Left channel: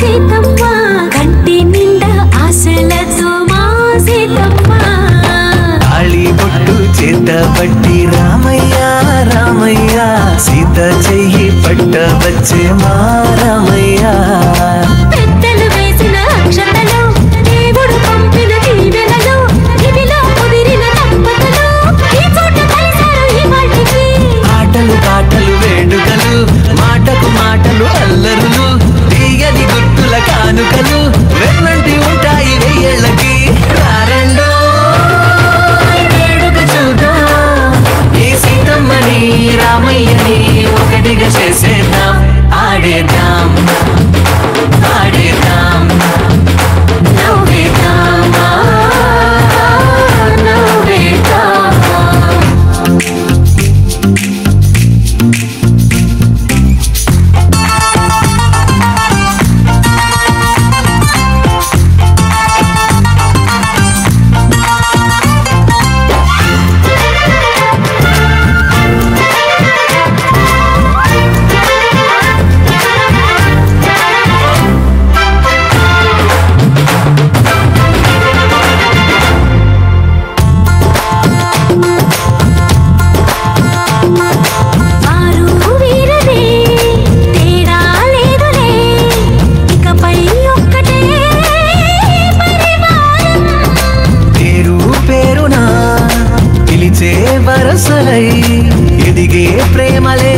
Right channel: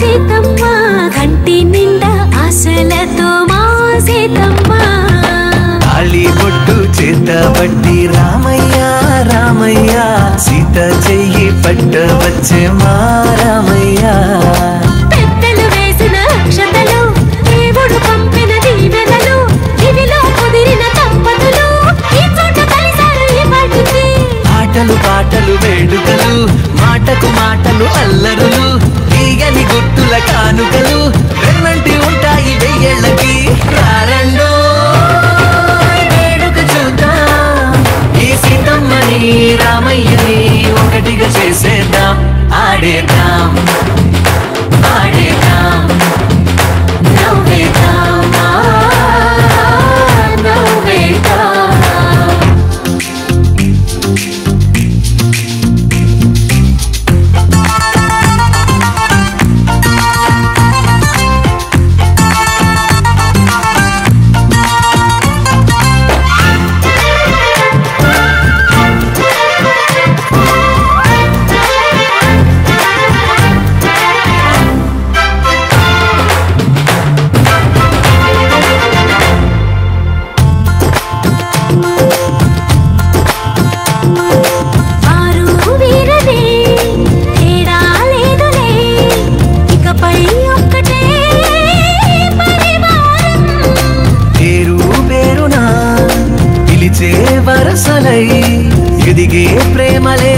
సీతమ్మ కంటి నిండా ఆశలతో మా సీతమ్మ తాళి బొట్టు చేత పట్టి రామయ్య రామయ్య సీత చెయ్యి పట్ట వచ్చే మా రామయ్య పెద్దలు వేసిన అక్షతలు దేవుడు పంపిన దీవెనలు ఇవిలో కుదిరిన దంపతులు ఈ చోట కలిసారు ఈ వాటికి ఆటలు పాటలు వేడుకలు మాటకు మాటలు అల్లరులు తీయని గుర్తుల కానుకలు వెన్నంటి ఉంటాయి వెయ్యేళ్ళకి రారండో వేడుక చూద్దాం ఈ సీతమ్మని రామయ్యని ఒకటిగా చేసేద్దాం ఆడేద్దాం ఆడేద్దాం నవ్వేద్దాం నవ్వేద్దాం వరసలై ఎదిగే ప్రేమలే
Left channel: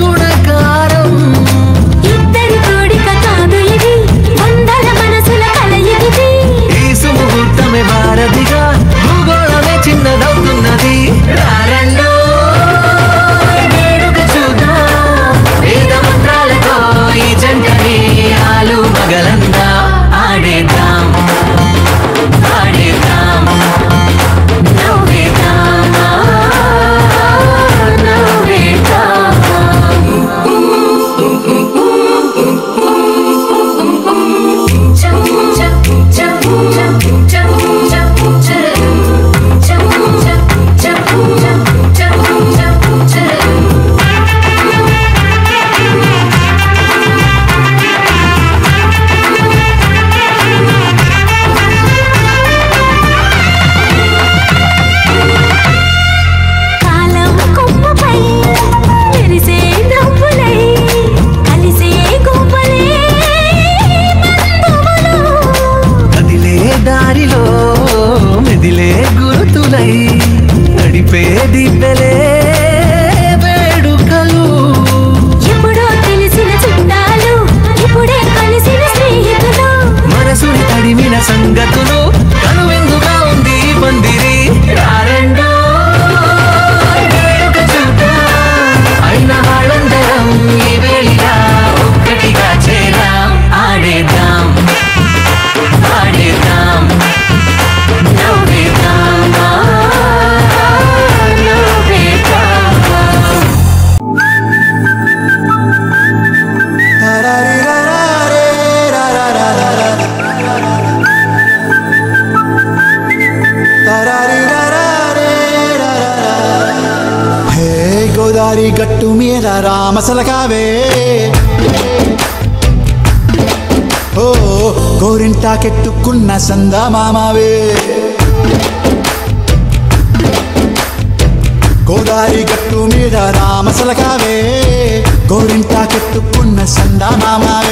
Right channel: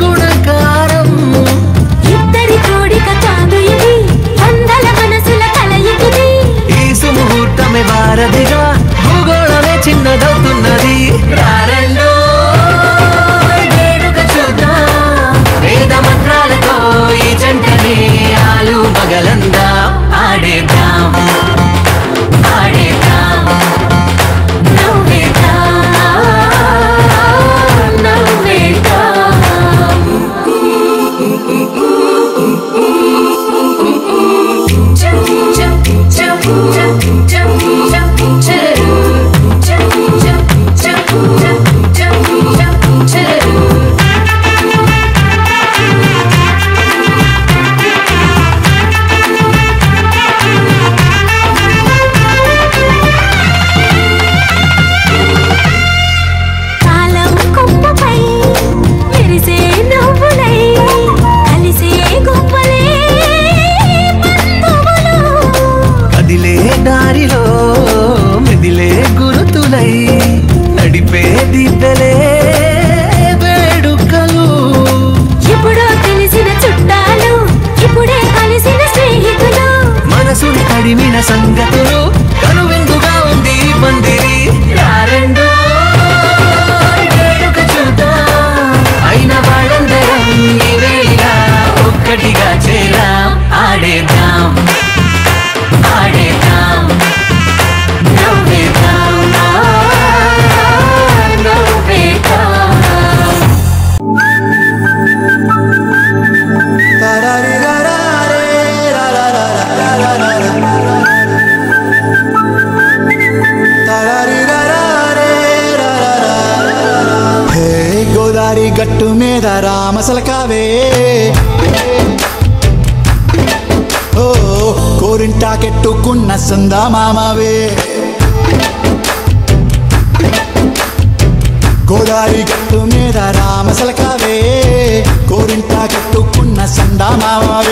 గుణకారం ఇద్దరి కోడిక కాదు ఇది వందల మనసుల కలయికిది ఈ సుముహూర్తమే వారధిగా భూగోళమే చిన్నదవుతున్నది రారండో వేడుక చూద్దాం వేద మంత్రాలతో ఈ జంటని ఆలు మగలందా ఆడేద్దాం ఆడేద్దాం దారిలో మెదిలే గురుతులై నడిపే దిబ్బెలే వేడుకలు ఎప్పుడో తెలిసిన చుట్టాలు ఇప్పుడే కలిసిన స్నేహితులు మనసుని తడిమిన సంగతులు కనువిందుగా ఉంది పందిరి రారండో వేడుక చూద్దాం అయిన వాళ్ళందరం ఈ వేళ ఒక్కటిగా చేరాం ఆడేద్దాం ఆడేద్దాం నవ్వేద్దాం నవ్వేద్దాం హే గోదారి గట్టు మీద రామసలకావే ఓ కోరింటాకెట్టుకున్న సందా మామవే గోదారి గట్టు మీద రామసలకావే కోరింటాకెట్టుకున్న సందా మామవే